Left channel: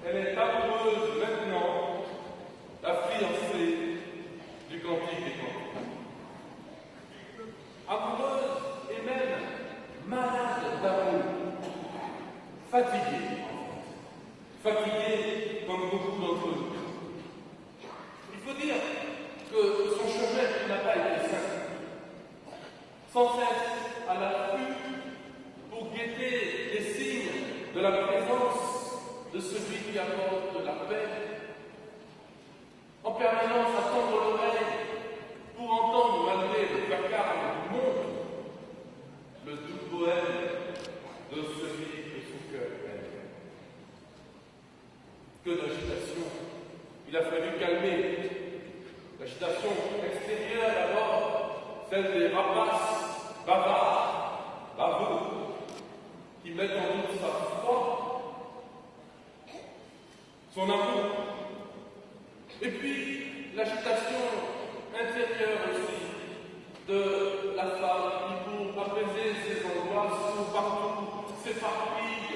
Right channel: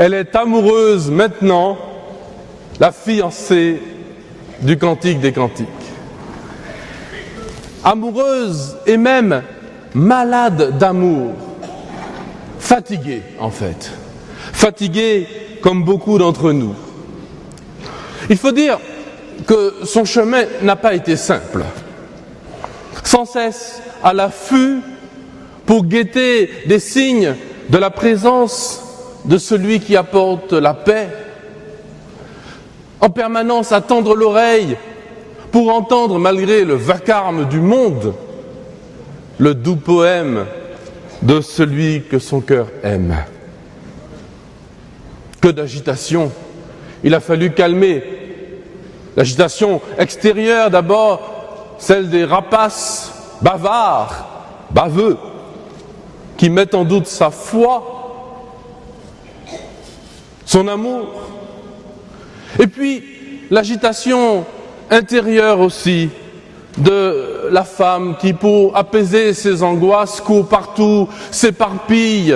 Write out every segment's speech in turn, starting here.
Elle est amoureuse maintenant, la fiancée du Cantique des Cantiques. Amoureuse et même malade d'amour. Fatiguée, en fait. Fatiguée comme beaucoup d'entre nous. Il faut dire que son chemin n'a pas été simple. Sans cesse à l'affût pour guetter des signes de la présence de celui qui apporte la paix. En permanence à tendre l'oreille pour entendre, malgré le vacarme du monde, le doux poème de celui que son cœur aime. Que d'agitation! Il a fallu calmer l'agitation extérieure d'abord, celle des rapaces bavards, baveux, qui mettent en doute sa foi, son amour. Et puis l'agitation intérieure aussi de la femme qui, pour apaiser ses angoisses, court partout, s'éparpille,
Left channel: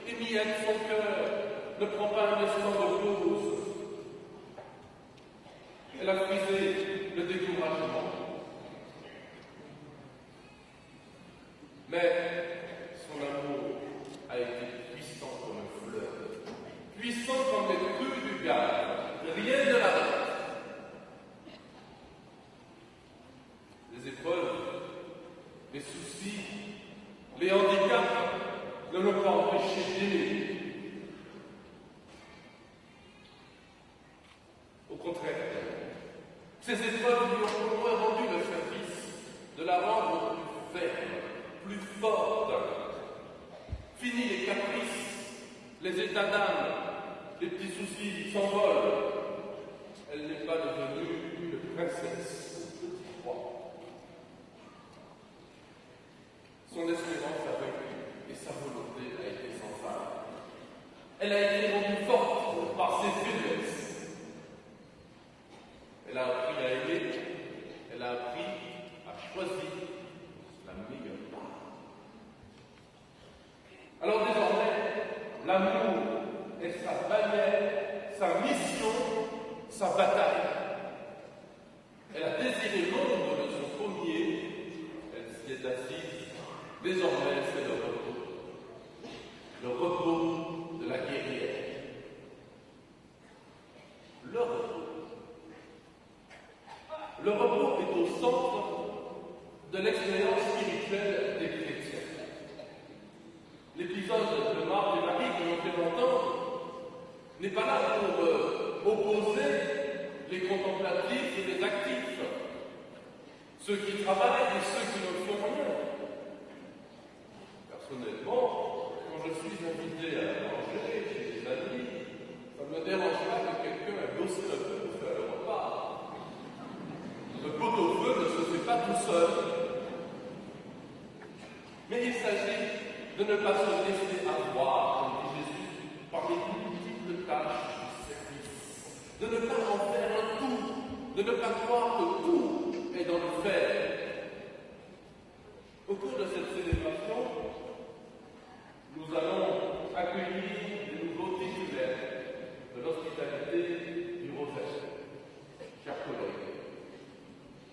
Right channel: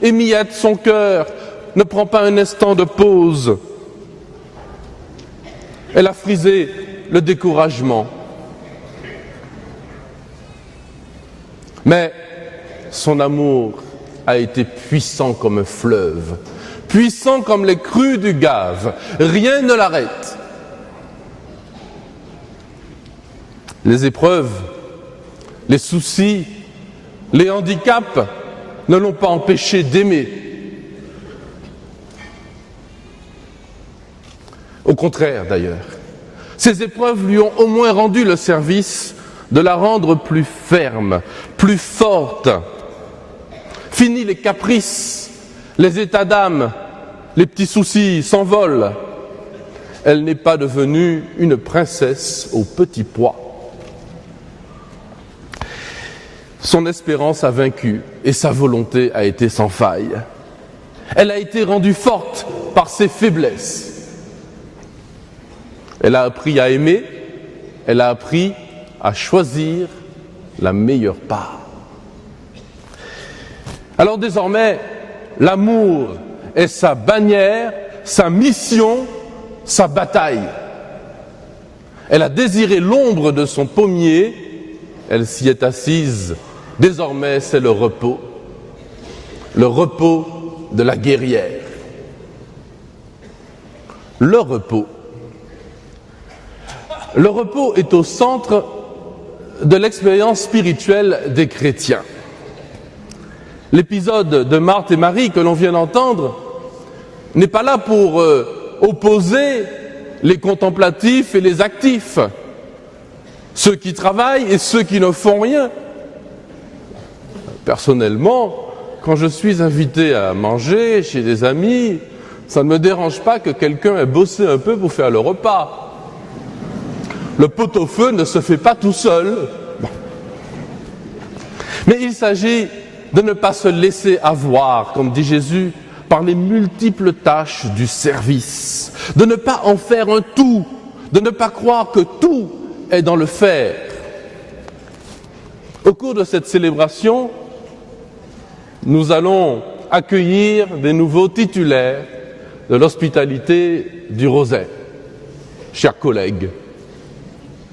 émiette son cœur, ne prend pas un instant de pause. Elle a frisé le découragement. Mais son amour a été puissant comme un fleuve, puissant comme les crues du Gave. Rien ne l'arrête. Les épreuves, les soucis, les handicaps ne l'ont pas empêché d'aimer. Au contraire, d'ailleurs, ces épreuves lui ont au moins rendu le service de la rendre plus ferme, plus forte. Fini les caprices, les états d'âme, les petits soucis s'envolent. Elle n'est pas devenue une princesse au petit pois. Son espérance a vaincu et sa volonté a été sans faille. Elle a été rendue forte par ses faiblesses. Elle a appris à aimer, elle a appris à choisir la meilleure part. Alors désormais, l'amour est sa bannière, sa mission, sa bataille. Elle a désiré l'ombre de son pommier, elle s'y est assise. Désormais, c'est le repos de la guerrière. Le repos. Le repos est au centre de l'expérience spirituelle des chrétiens. L'épisode de Marthe et Marie que l'on vient d'entendre n'est pas là pour opposer les contemplatifs et les actifs, ceux qui travaillent et ceux qui ne font rien. Personnellement, quand je suis invité à manger chez des amis, ça ne me dérange pas que quelqu'un ait bossé un peu pour faire le repas. Le pot-au-feu ne se fait pas tout seul. Bon. Mais il s'agit de ne pas se laisser avoir, comme dit Jésus, par les multiples tâches du service, de ne pas en faire un tout, de ne pas croire que tout est dans le faire. Au cours de cette célébration, nous allons accueillir des nouveaux titulaires de l'hospitalité du Rosaire. Chers collègues,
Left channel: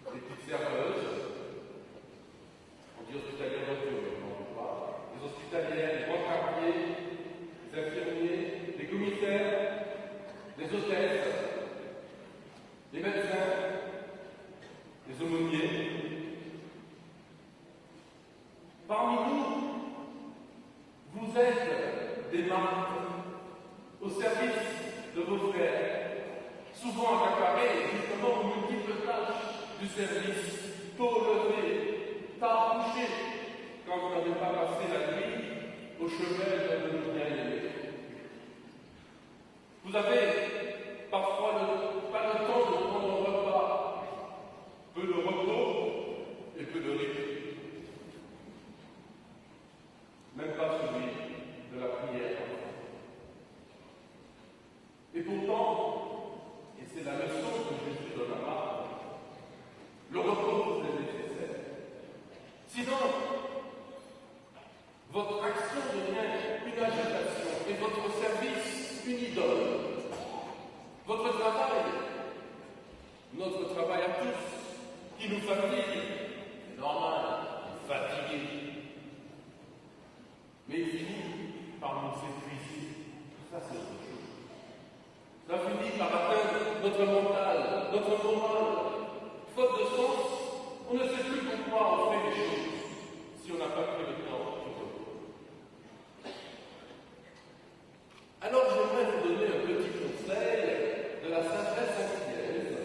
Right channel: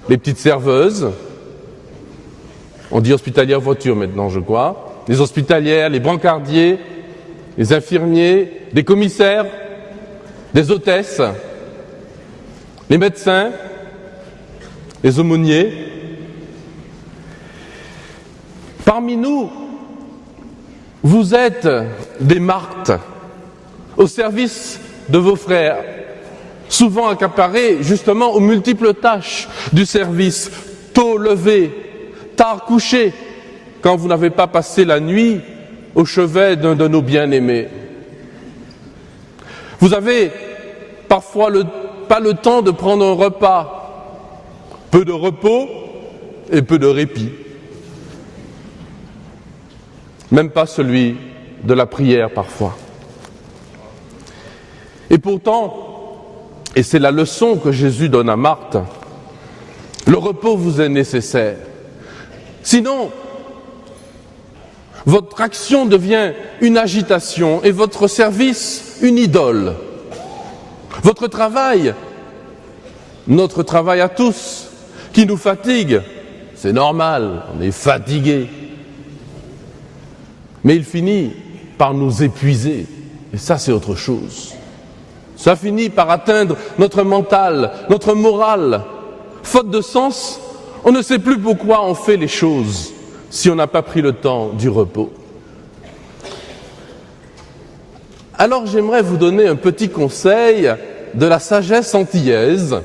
les petites serveuses, on dit hospitalière voiture maintenant je crois, les hospitalières, les brancardiers, les infirmiers, les commissaires, les hôtesses, les médecins, les aumôniers. Parmi nous, vous êtes des Marthes au service de vos frères, souvent accaparés justement aux multiples tâches du service, tôt levé, tard couché, quand vous n'avez pas passé la nuit au chevet d'un de nos bien-aimés. Vous avez parfois pas le temps de prendre un repas, peu de repos et peu de répit. Même pas celui de la prière parfois. Et pourtant, et c'est la leçon que Jésus donne à Marthe, le repos vous est nécessaire. Sinon, votre action devient une agitation et votre service une idole. Votre travail, notre travail à tous, qui nous fatigue, c'est normal, on est fatigué. Mais il finit par nous épuiser, et ça c'est autre chose. Ça finit par atteindre notre mental, notre morale. Faute de sens, on ne sait plus pourquoi on fait les choses si on n'a pas pris le temps du repos. Alors j'aimerais vous donner un petit conseil de la sagesse antillaise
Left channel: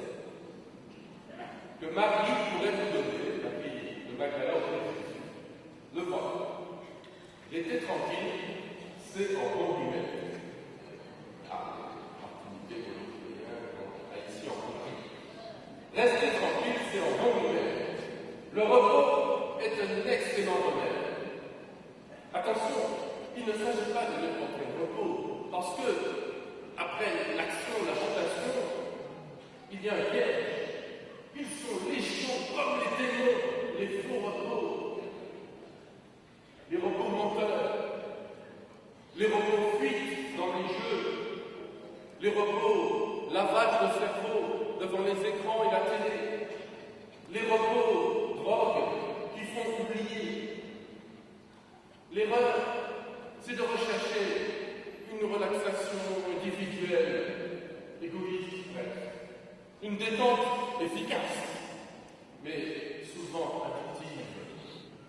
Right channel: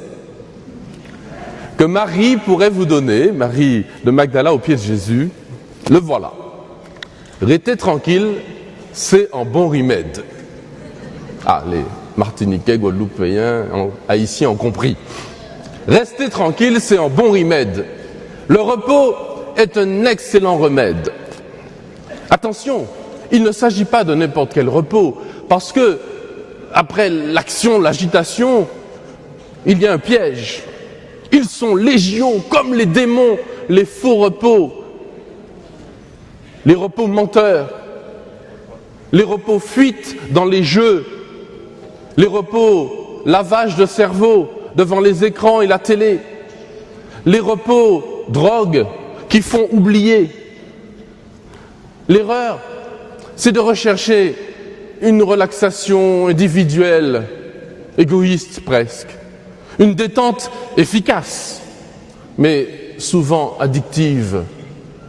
que Marie pourrait vous donner, Marie de Magdala au pied de Jésus. Le voilà. Restez tranquille, c'est un bon remède. Ah, les Martiniquais, Guadeloupéens, Haïtiens ont compris. Restez tranquille, c'est un bon remède. Le repos est un excellent remède. Attention, il ne s'agit pas de n'importe quel repos, parce que, après l'action, l'agitation, il y a un piège. Ils sont légion, comme les démons, les faux repos, les repos menteurs, les repos fuites dans les jeux, les repos lavage de cerveau devant les écrans et la télé, les repos drogue qui font oublier. L'erreur, c'est de rechercher une relaxation individuelle, égoïste presque, une détente efficace, mais souvent addictive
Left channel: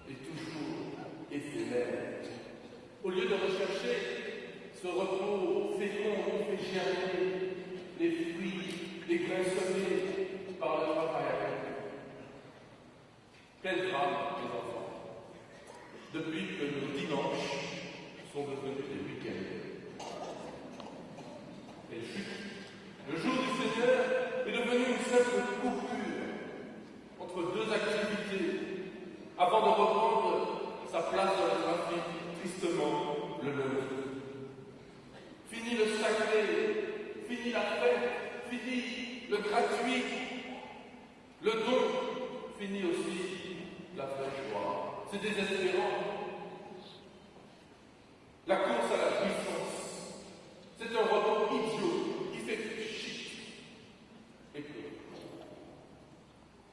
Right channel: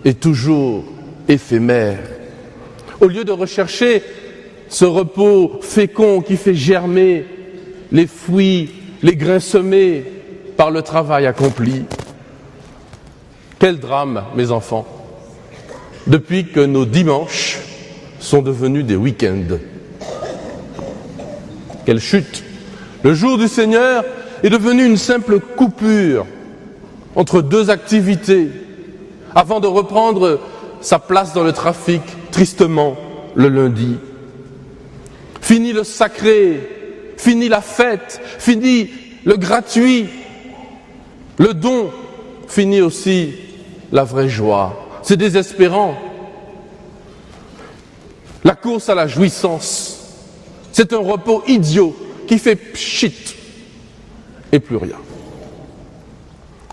et toujours éphémère. Au lieu de rechercher ce repos fécond qui fait germer les fruits, les grains semés par le travail accompli. Quel drame, mes enfants, depuis que nos dimanches sont devenus des week-ends. Quelle chute! Le jour du Seigneur est devenu une simple coupure entre deux activités avant de reprendre sa place dans le trafic tristement le lundi. Fini le sacré, fini la fête, fini le gratuit, le don, fini aussi la vraie joie. C'est désespérant. La course à la jouissance, c'est un repos idiot qui fait pchit et plus rien.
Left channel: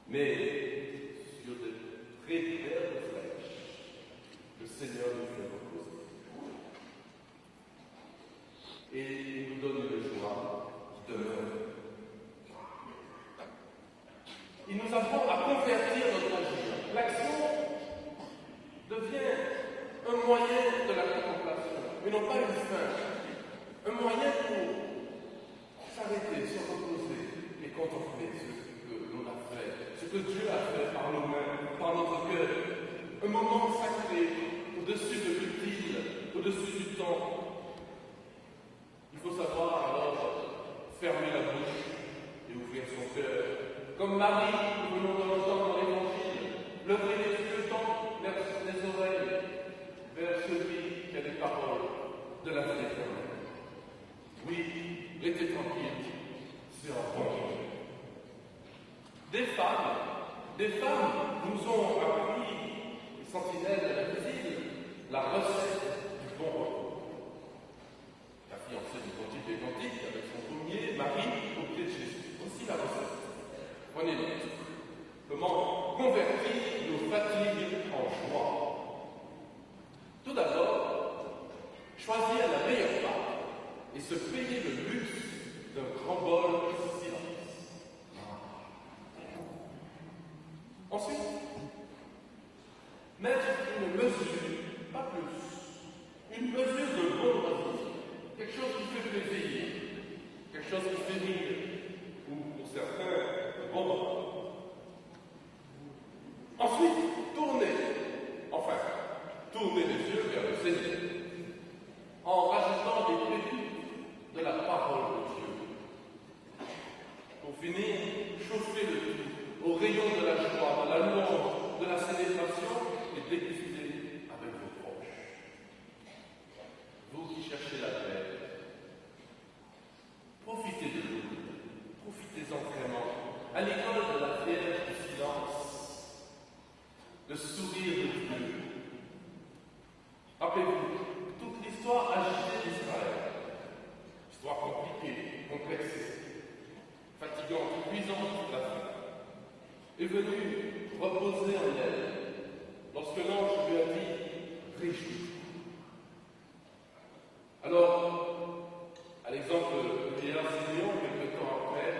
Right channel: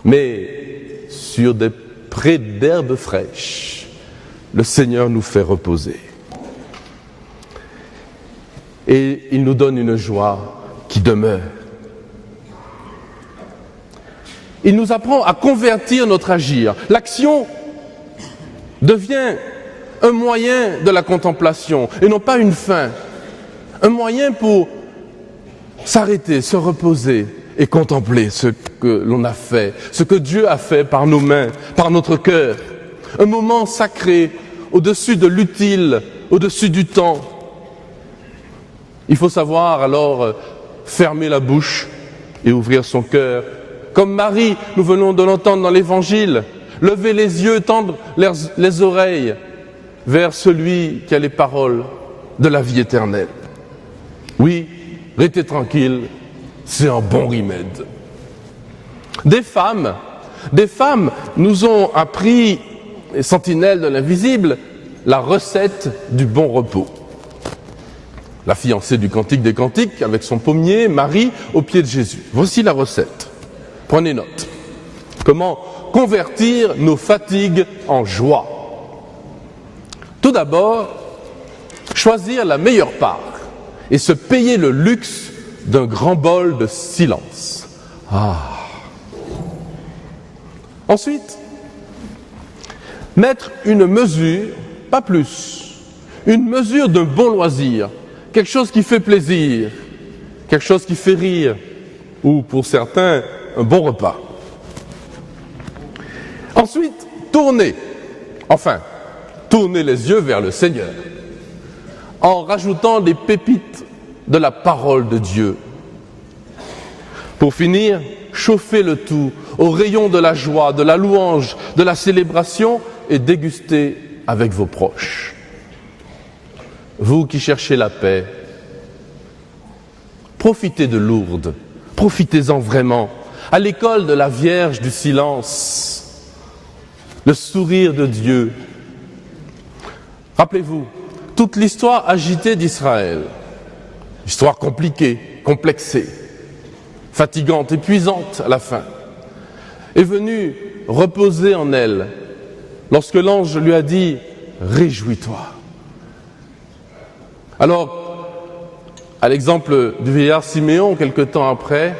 Mais sur des prés d'herbes fraîches, le Seigneur nous fait reposer. Et il nous donne une joie qui demeure. Il nous apprend à convertir notre agir. L'action devient un moyen de la contemplation et non pas une fin. Un moyen pour s'arrêter, se reposer et contempler ce que l'on a fait, ce que Dieu a fait par nos mains, par notre cœur. Un moment sacré, au-dessus de l'utile, au-dessus du temps. Il faut savoir alors fermer la bouche et ouvrir son cœur. Comme Marie, nous venons de l'entendre dans l'Évangile, lever les yeux, tendre les oreilles vers celui qui a les paroles de la vie éternelle. Oui, restez tranquille, c'est un bon remède. Des femmes nous ont appris, les sentinelles de l'invisible, la recette du bon repos. La fiancée du Cantique des Cantiques, avec son pommier, Marie, au pied de Jésus. Voici la recette. Prenez note. Comment convertir nos fatigues en joie? Tout d'abord, choisir la meilleure part et se payer le luxe d'un grand bol de silence. Ensuite, mettre une mesure, pas plus, une mesure d'un bon loisir, quelque chose qui fait plaisir, quelque chose qui fait rire, ou pour certains, un bon repas. Ensuite, tournez les yeux vers le Seigneur, en rajoutant des pépites de la parole de Dieu. Pour finir, chauffez le tout au rayon de la joie, de la louange, de la célébration et dégustez avec vos proches. Vous qui cherchez la paix, profitez de Lourdes, profitez-en vraiment. À l'école de la Vierge du silence, le sourire de Dieu. Rappelez-vous, toute l'histoire agitée d'Israël Histoire compliquée, complexée, fatigante, épuisante à la fin, est venu reposer en elle lorsque l'ange lui a dit « Réjouis-toi ». Alors, à l'exemple du vieillard Siméon, quelque temps après,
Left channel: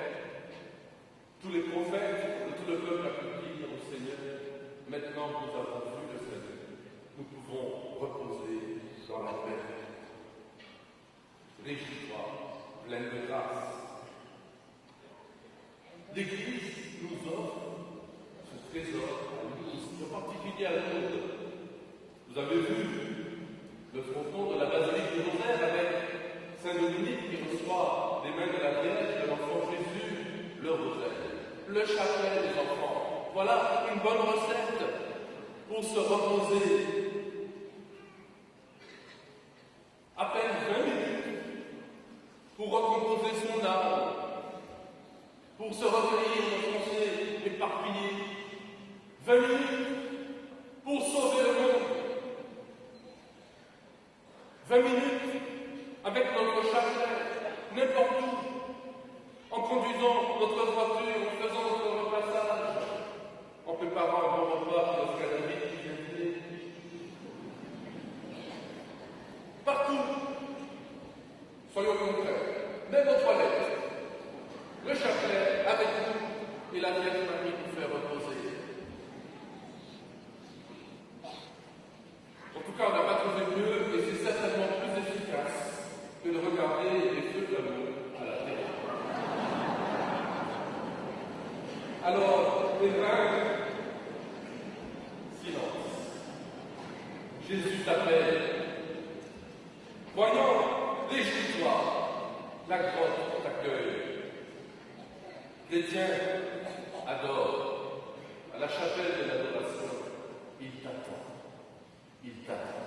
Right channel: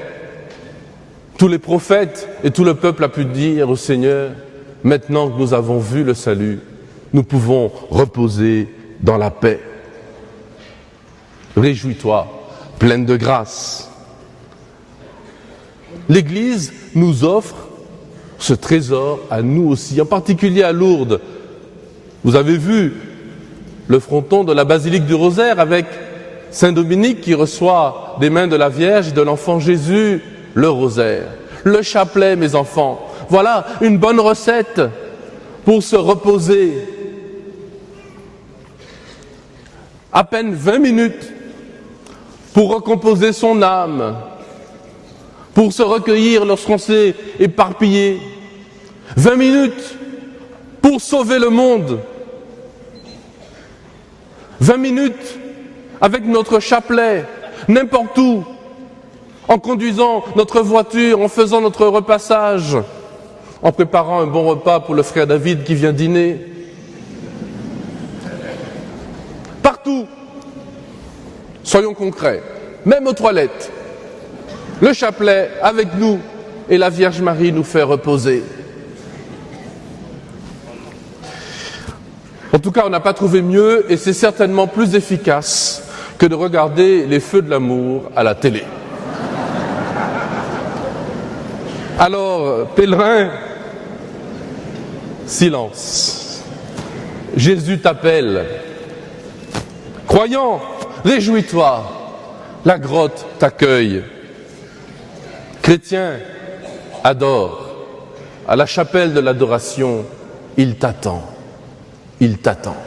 tous les prophètes et tout le peuple a pu dire au Seigneur « Maintenant que nous avons vu le salut, nous pouvons reposer dans la paix. Réjouis-toi, pleine de grâce. » L'Église nous offre ce trésor à nous aussi, en particulier à Lourdes. Vous avez vu le fronton de la basilique du Rosaire avec Saint Dominique qui reçoit des mains de la Vierge et de l'enfant Jésus le rosaire. Le chapelet, mes enfants, voilà une bonne recette pour se reposer. À peine 20 minutes pour recomposer son âme, pour se recueillir lorsqu'on s'est éparpillé. 20 minutes pour sauver le monde. 20 minutes avec notre chapelet, n'importe où, en conduisant notre voiture, en faisant notre repassage, en préparant un bon repas pour le frère David qui vient dîner. Partout, soyons concrets, même aux toilettes. Le chapelet avec nous et la Vierge Marie nous fait reposer. En tout cas, on n'a pas trouvé mieux et c'est certainement plus efficace que de regarder les feux de l'amour à la télé. Alors, pèlerin, silence. Jésus t'appelle. Croyant, réjouis-toi. La grotte t'accueille. Chrétien, adore. À la chapelle de l'adoration, il t'attend. Il t'attend.